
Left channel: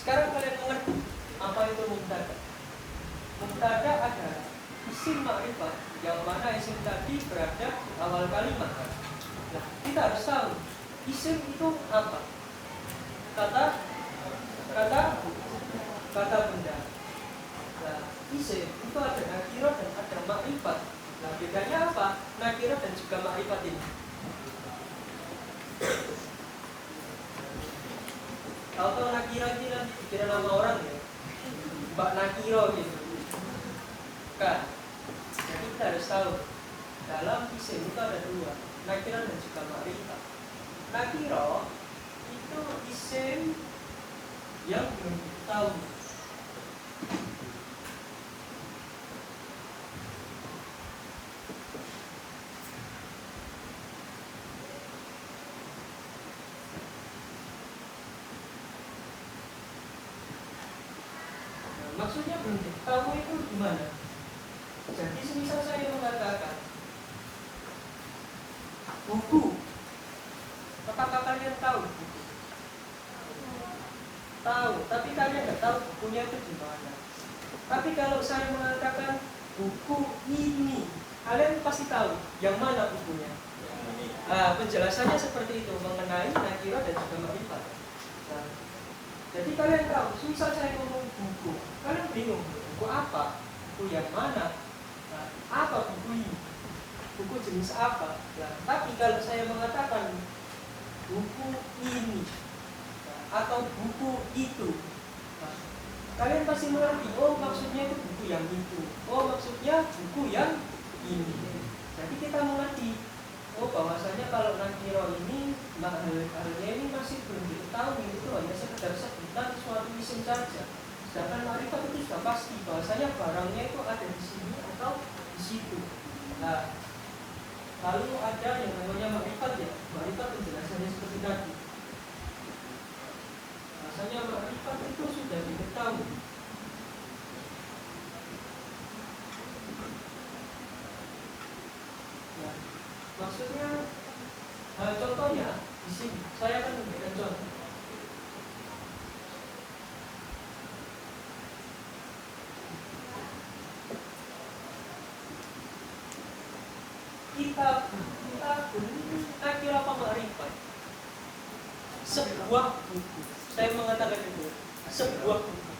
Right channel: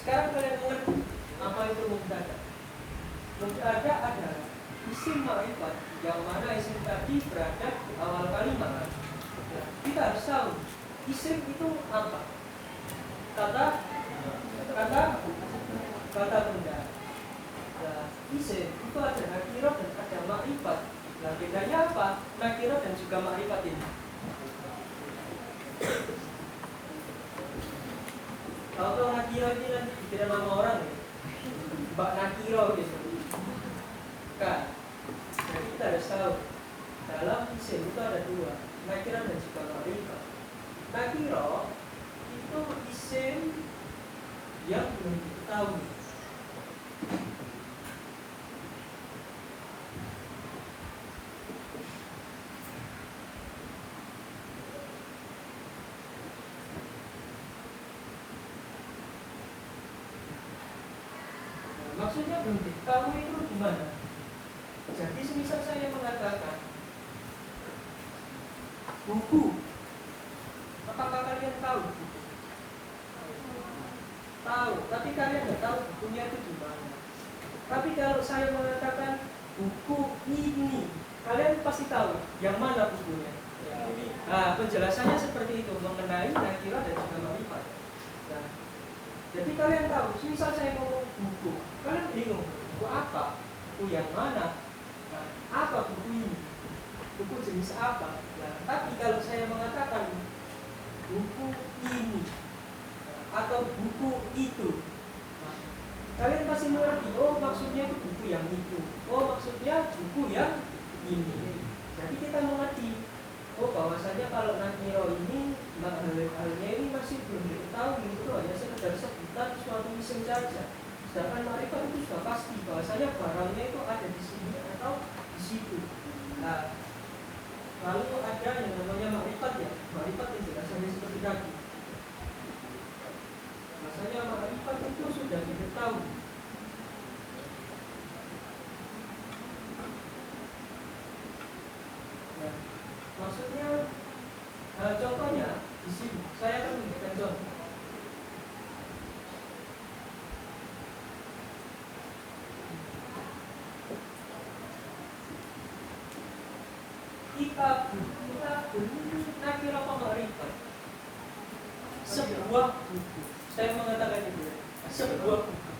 Sekarang kalian mengerti apa itu muntadah. Muntadah adalah isim ma'rifat yang mana isim tadi berada di awal kalimat. Nah, kita harus tahu isim itu apa. Kata benda. Nah, isim itu ada nakirah dan ada ma'rifat. Nah, bedanya apa? Nakirah dan juga ma'rifat ini. Kalau nakirah ini nanti dikira nama orang ya, Mbak Nakiro gitu. Kan? Jadi kita harus tahu dalam isim itu ada dua, nakirah dan juga ma'rifat. Nakirah itu isim yang belum diketahui. Maksudnya belum diketahui itu gimana? Jadi semisal saya mengatakan buku, apakah kalian tahu buku? Tahu, tapi kalian nggak tahu bukunya itu gimana. Tapi kalau saya mengatakan buku ini, kalian pasti tahu yang mana bukunya. Nah, penjelasannya seperti itu mengenai nakirah dan juga ma'rifat. Nah, jadi kalian tahu, misal saya ngomong buku, kalian bingung, buku apa? Buku yang mana? Nah, apa buku ini? Buku jenis apa? Nah, tapi kalau saya mengatakan buku ini atau buku itu, nah, kalian pasti mengerti, oh maksudnya itu buku yang itu, oh maksudnya buku yang ini. Jadi kita mengerti, oh bahwasanya kalau nakiro ini makna-maknanya ini masih belum diketahui, itu hanya sekedar sebutan suatu isim saja. Sedangkan ma'rifat itu sudah pasti bahwasanya barangnya itu ada di sini atau di situ. Nah, lalu ada yang namanya ma'rifat ya. Ma'rifat penjelasannya seperti tadi. Bahwasanya ma'rifat itu sudah diketahui. Nah, maksudnya contohnya di sini saya akan memberikan contoh. Kita nakira apa ma'rifat? Sebuah buku. Saya mengatakan itu sebuah buku.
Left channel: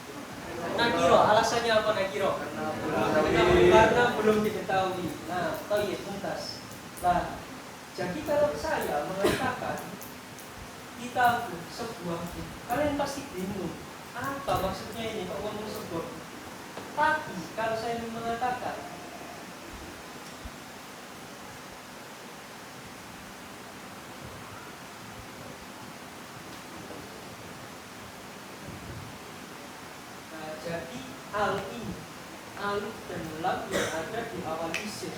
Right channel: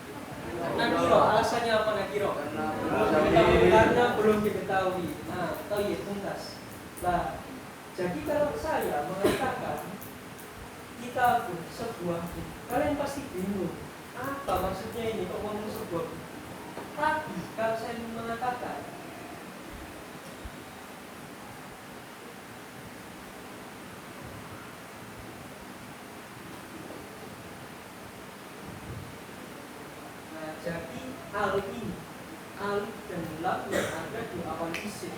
Nakiro, alasannya apa nakiro? Karena belum diketahui. Nah, toyib, tuntas. Nah, jadi kalau saya mengatakan kita sebuah buku, kalian pasti bingung. Apa maksudnya ini kok ngomong sebuah buku? Tapi kalau saya mengatakan jadi alif dan lam yang ada di awal isim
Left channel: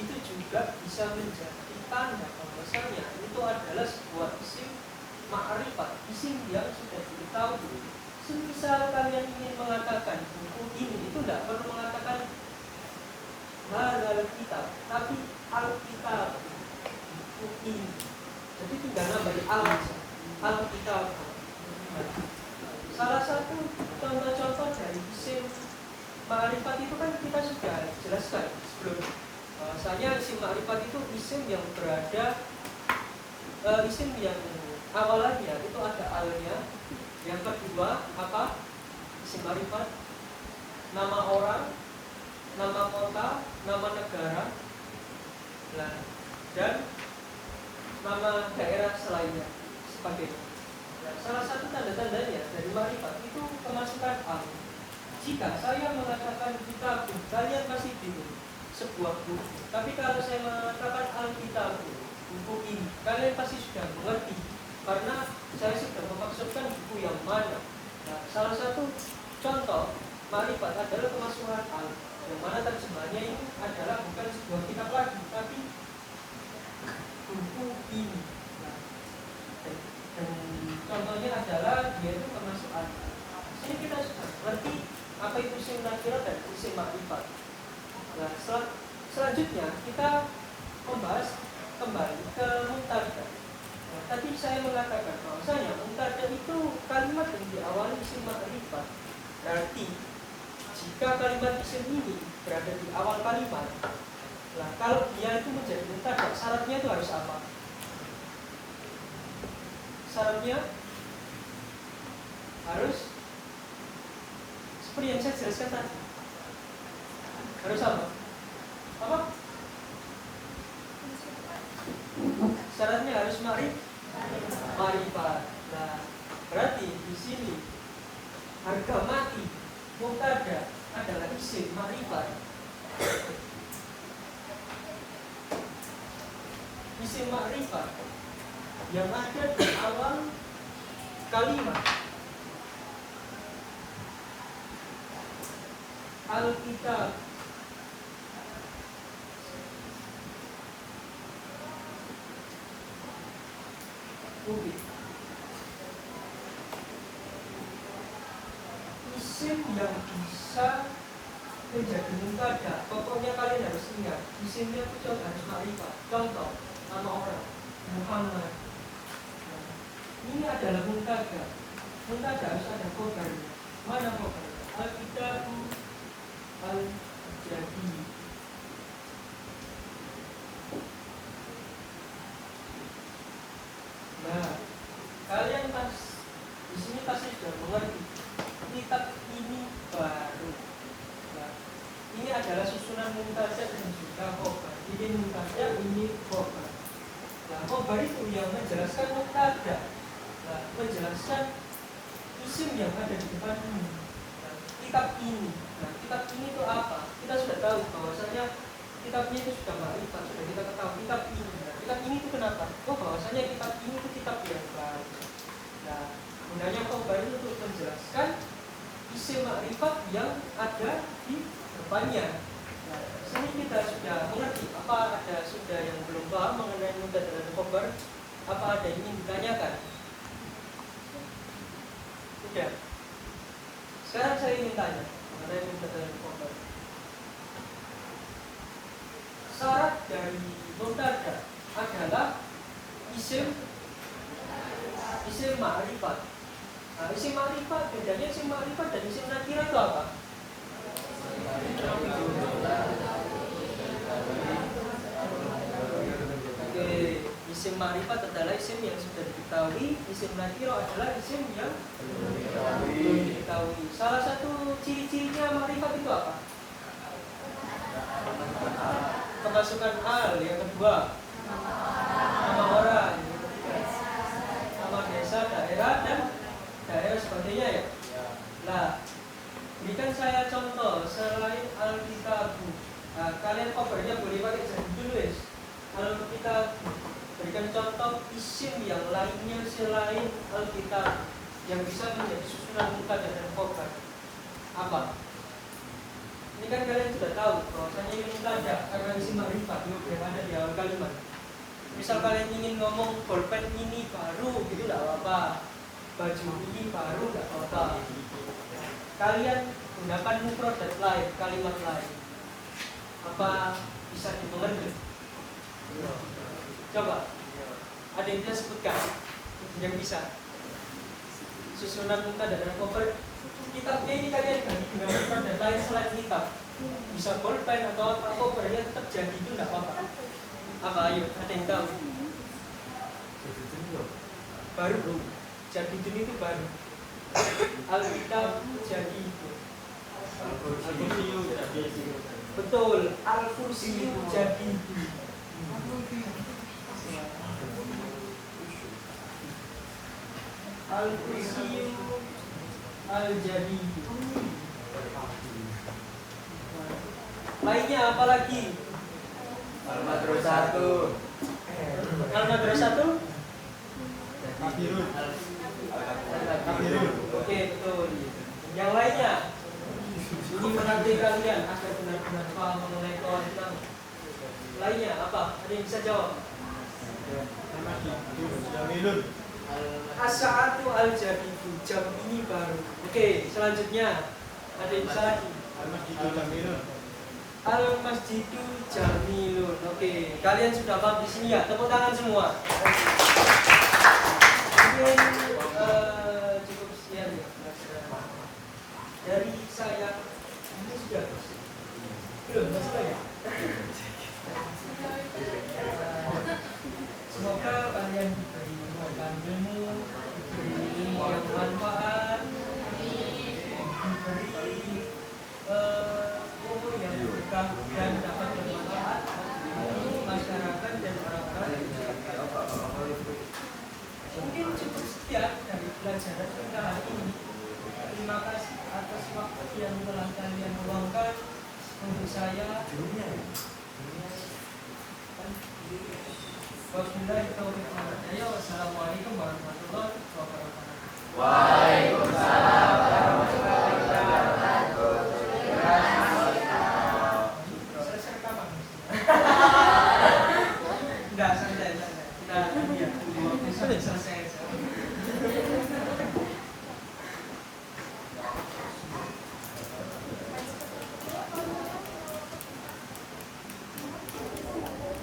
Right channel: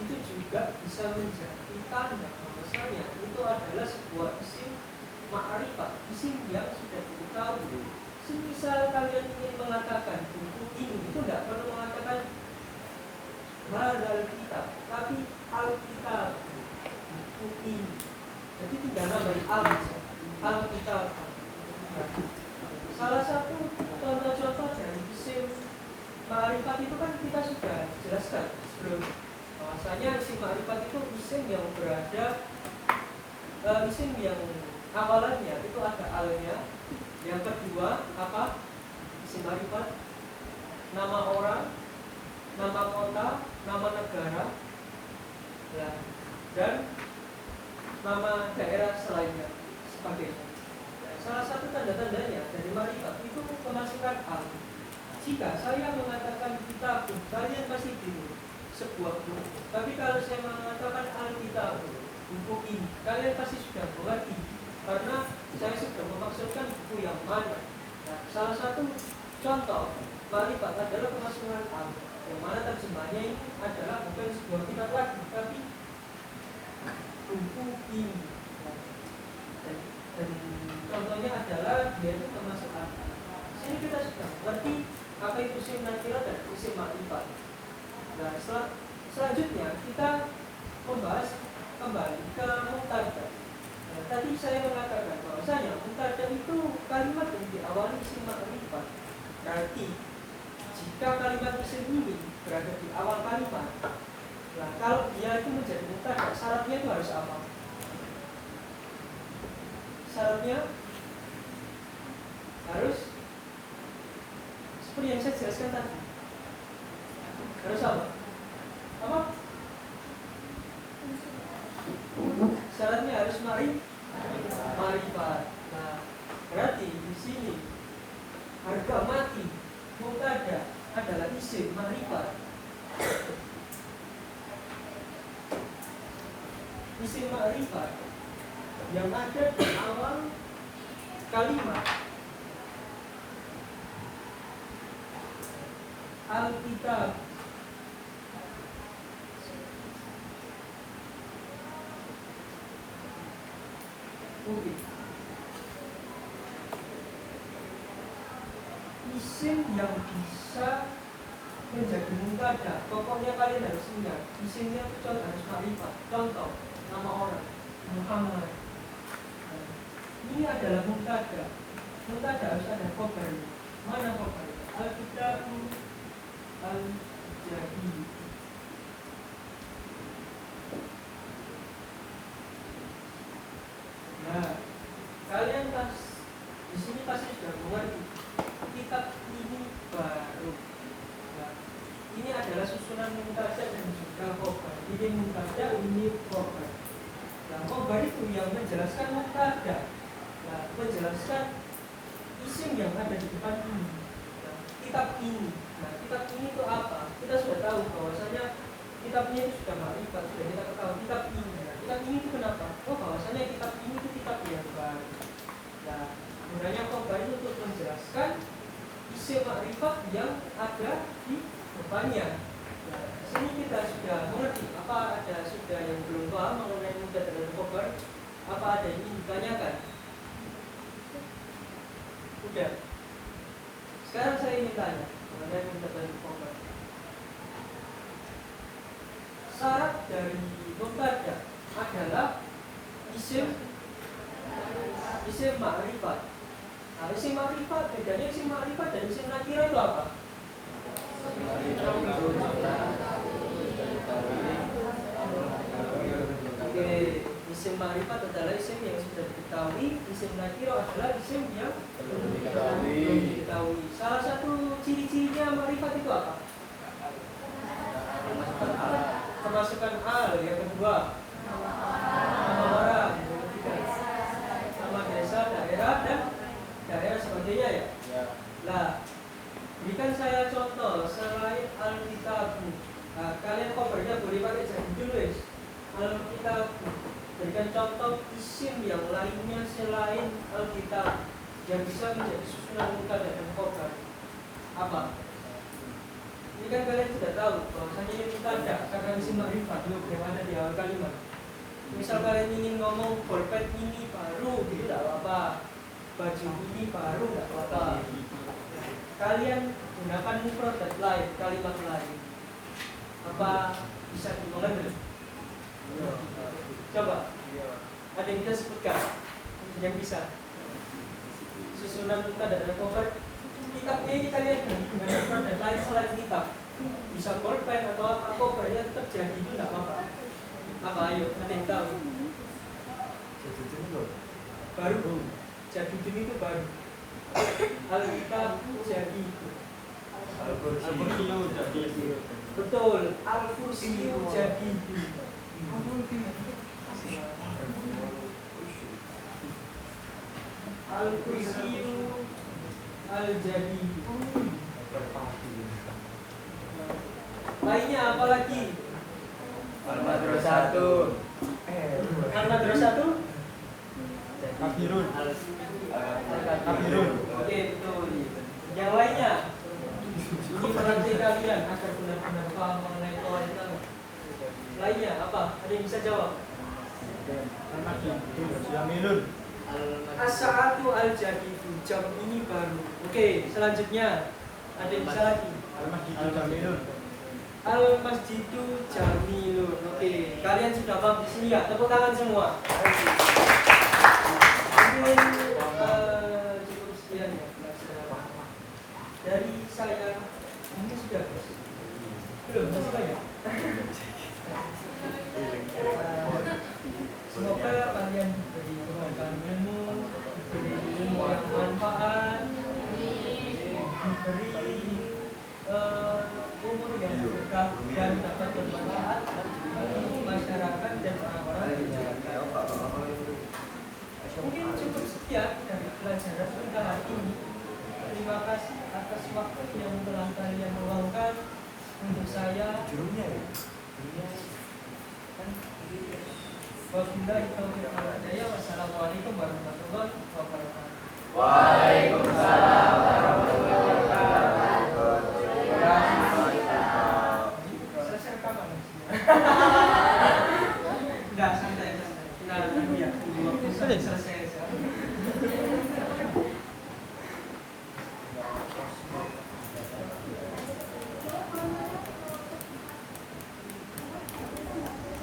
itu juga bisa menjadi tanda bahwasanya itu adalah sebuah isim ma'rifat, isim yang sudah diketahui. Semisal kalian ingin mengatakan buku ini, itu tidak perlu mengatakan hadzal kitab, tapi al-kitab, buku ini. Jadi tinggal nambah al-kitab. Salah satu contoh-contoh dari isim ma'rifat itu kan kita sudah jelaskan sebelum. Bahwasanya isim ma'rifat itu isim yang berada isim yang awalannya itu ada alnya. Yang kedua apa? Isim ma'rifat, nama orang, nama kota, nama negara, dan nama daerah selainnya sebagainya. Salah satu tanda-tandanya dari ma'rifat itu kemasukan al. Jika saya mengatakan kitab, kalian pasti bingung sebuah buku. Tapi kalau saya mengatakan al-kitab, buku ini, kalian pasti sudah mengerti karena saya sudah memaksudkan buku yang mana. Nah, salah satu contoh ma'rifat adalah kemasukan al, yang mana terjemahannya ini adalah bukan sebuah kitab lagi, tapi buku ini. Dan contohnya adalah dia itu kemasukan. Sini kita sudah mengerti apa itu isim nakirah dan isim ma'rifat. Nah, selanjutnya kita membahas kembali ke mubtada. Nah, tadi saya mengatakan bahwasanya mubtada itu kalimat yang diawali isim ma'rifat. Berarti jika kalimat isim ini berada di awal kalimat, nah kalau dia itu menjadi mubtada, syaratnya itu harus apa? Syaratnya harus seperti yang saya jelaskan tadi. Harus apa? Apa? Syaratnya harus ma'rifat. Nah, berarti di sini harga mati mubtada adalah isim ma'rifat. Isim ma'rifat yang ada di awal kalimat al-kitab. Isim yang bisa menjadi mubtada, pokoknya kalian harus ingat isimnya itu harus ma'rifat. Contoh, nama orang Muhammad. Ini adalah mubtada. Mubtada harus ada khobarnya. Mana khobarnya? Al-kitab al-jadi. Nah, kalian di sini pasti sudah mengerti. Kitab ini baru. Nah, ini adalah susunan mubtada dan juga khobar. Ini mubtada, ini khobar. Nah, khobar itu yang menjelaskan mubtada. Nah, menjelaskan isim yang ada di depan ini. Nah, kitab ini. Nah, kitab ini itu apa? Kita sudah tahu bahwasanya kitabnya itu sudah ma'rifat, sudah kita ketahui kitab ini. Nah, kitab ini itu kenapa? Oh, bahwasanya kitab ini itu kitab yang baru. Nah, gunanya khobar itu untuk menjelaskan isim ma'rifat yang ada di depannya. Nah, di sini kita sudah mengerti. Apa ada sudah yang belum paham mengenai mubtada dan khobar? Apa ada yang ingin ditanyakan? Sudah. Sekarang saya ingin tanya mengenai mubtada dan khobar. Syarat dari mubtada adalah isim ma'rifat. Nah, isim ma'rifat, bedanya isim ma'rifat dan isim nakirah itu apa? Oke, isim ma'rifat adalah isim yang sudah diketahui, isim nakirah adalah isim yang belum diketahui. Salah satu ciri-cirinya ma'rifat itu apa? Kemasukan al, yang kedua nama orang, yang ketiga nama desa, daerah, dan daerah sebagainya ya. Nah, berikan saya contoh selain al-kitab. Nah, kalian khobarnya boleh pakai jadi tulis al-kitab. Berikan contoh isim yang lainnya selain al-kitab yang bisa menjadi susunan mubtada dan khobar. Apa? Ini kan kalian sudah tahu bahwasanya ini mubtada karena isim ma'rifat yang ada di awal kalimat. Misal kalian ingin ngomong bolpen ini baru, gitu tidak apa-apa. Baju ini baru, tidak apa-apa. Kalian gunakan mufradat lain, kalimat lain. Apa bisa dimengerti? Coba, ada yang bisa sebutkan yang bisa. Susunan mubtada dan khobar. Kitabnya ini kalian ganti dengan mufradat lain selain kitab. Bisa bolpen atau apa khobarnya tetap jadi itu tidak apa-apa. Apa ayo, ada yang tahu? Baru. Jadidun itu baru. Alkitab jadi. Betul. Al-Kursiyu jadi. Al-Kursiyu al-jadi. Lainnya apa lagi? Al-Madrasah Al-Madrasah tuh? Kabirun. Oke, betul. Yang lainnya? Ini menanti kalian agar benar-benar paham mengenai Quran. Lainnya apa? Ada yang bisa jawab? Jamilun. As-sa'atu al-jadidu. Jam ini baru. Oke, selanjutnya ada yang bisa lagi? Al-Masjidu Jamilun. Al-Masjidu Jamilun. Oke, kalian sudah paham di sini ya? Tepuk tangan semua. Mungkin cukup sekian ya pelajaran dari saya. Ini sudah belum masih banyak. Semoga kalian diberi kebaikan ilmu, diberi ilmu yang bermanfaat, diberi umur yang berkah dan dapat bermanfaat bagi masyarakat dan orang-orang yang disekitar. Mungkin cukup sekian dari pelajaran kita hari ini. Terima kasih atas waktu yang telah kalian luangkan untuk saya. Wabillahi taufiq wal hidayah. Wassalamualaikum warahmatullahi wabarakatuh. Waalaikumsalam.